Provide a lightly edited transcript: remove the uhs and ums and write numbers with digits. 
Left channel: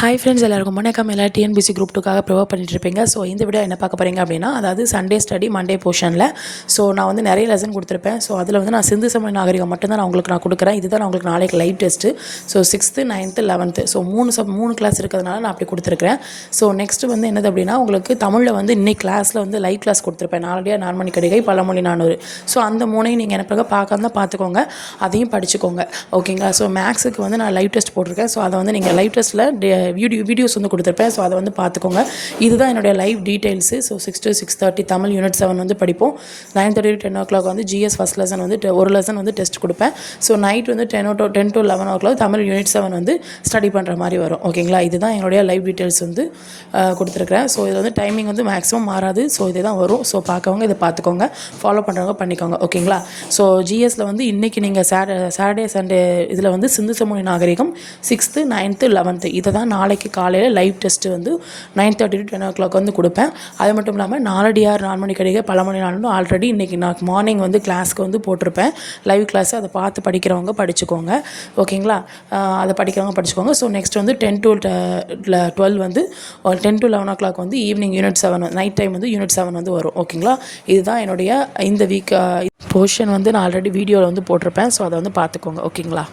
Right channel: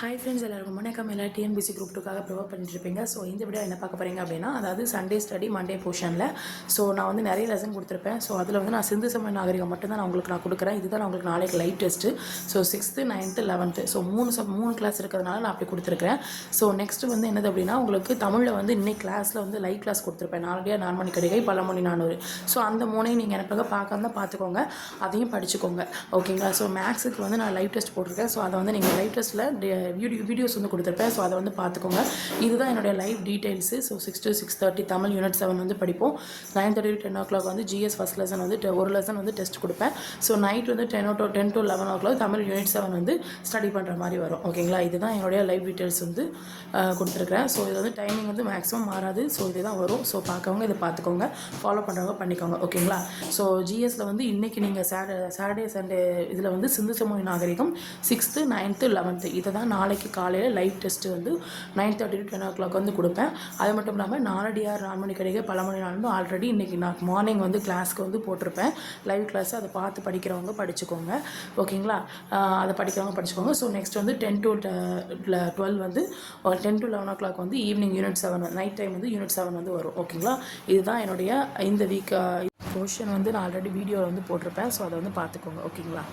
Hi friends, எல்லாருக்கும் வணக்கம். எல்லாம் டிஎன்பிசி குரூப் 2க்காக ப்ரிப்பேர் பண்ணிட்டு இருப்பீங்க. ஸோ இந்த வீடியோ என்ன பார்க்க போகிறீங்க அப்படின்னா, அதாவது சண்டே ஸ்டடி மண்டே போர்ஷனில் ஸோ நான் வந்து நிறைய லெசன் கொடுத்துருப்பேன். ஸோ அதில் வந்து நான் சிந்து சமய நாகரிகம் மட்டும்தான் நான் கொடுக்குறேன். இதுதான் நான் உங்களுக்கு நாளைக்கு live test. So 6th 9th 11th so மூணு கிளாஸ் இருக்கிறதுனால நான் அப்படி கொடுத்துருக்கேன். ஸோ நெக்ஸ்ட்டு வந்து என்னது அப்படின்னா, உங்களுக்கு தமிழில் வந்து இன்னைக்கு கிளாஸில் வந்து லைவ் கிளாஸ் கொடுத்துருப்பேன். நாலடியாக 4 மணி கடிகை பழமொழி 400. ஸோ அந்த மூணையும் நீங்கள் எனக்கு பார்க்காம பார்த்துக்கோங்க, அதையும் படிச்சுக்கோங்க. ஓகேங்களா? ஸோ மேக்ஸுக்கு வந்து நான் லைவ் டெஸ்ட் போட்டிருக்கேன். ஸோ அதை வந்து நீங்கள் லைவ் டெஸ்ட்டில் வீடியோஸ் வந்து கொடுத்துருப்பேன். ஸோ அதை வந்து பார்த்துக்கோங்க. இதுதான் என்னுடைய live details. So 6 to 6:30 Tamil unit 7 வந்து படிப்போம். 9:30 to 10 o'clock வந்து ஜிஎஸ் ஃபஸ்ட் லெசன் வந்து ஒரு லெசன் வந்து டெஸ்ட் கொடுப்பேன். ஸோ நைட் வந்து 10 to 11 o'clock தமிழ் யூனிட் 7 வந்து ஸ்டடி பண்ணுற மாதிரி வரும். ஓகேங்களா? இதுதான் என்னுடைய லைவ் டீட்டெயில்ஸ் வந்து கொடுத்துருக்குறேன். ஸோ இது வந்து டைமிங் வந்து மேக்ஸிமம் மாறாது. ஸோ இதே தான் வரும். ஸோ பார்க்கவங்க இதை பார்த்துக்கோங்க, ஃபாலோ பண்ணுறவங்க பண்ணிக்கோங்க. ஓகேங்களா? ஸோ ஜிஎஸ்சில் வந்து இன்றைக்கி நீங்கள் சாட்டர்டே சண்டே இதில் வந்து சிந்து சமூக நாகரிகம் 6th 9th 11th இதை தான் நாளைக்கு காலையில் லைவ் டெஸ்ட்டு வந்து 9:30 to 10 o'clock வந்து கொடுப்பேன். அது மட்டும் இல்லாமல் 4 மணி கடிகை பழமொழி 4 ஆல்ரெடி இன்றைக்கி நான் மார்னிங் வந்து கிளாஸ்க்கு வந்து போட்டிருப்பேன் லைவ் கிளாஸ். அதை பார்த்து படிக்கிறவங்க படிச்சுக்கோங்க. ஓகேங்களா? அதை படிக்கிறவங்க படிச்சுக்கோங்க. ஸோ நெக்ஸ்ட் வந்து 10 to 12 வந்து 10 to 11 o'clock வந்து ஈவினிங் யூனிட் 7 நைட் டைம் வந்து யூனிட் 7 வந்து வரும். ஓகேங்களா? இதுதான் என்னுடைய இந்த வீக் போர்ஷன் வந்து நான் ஆல்ரெடி வீடியோவில் வந்து போட்டிருப்பேன். ஸோ அதை வந்து பார்த்துக்கோங்க. ஓகேங்களா?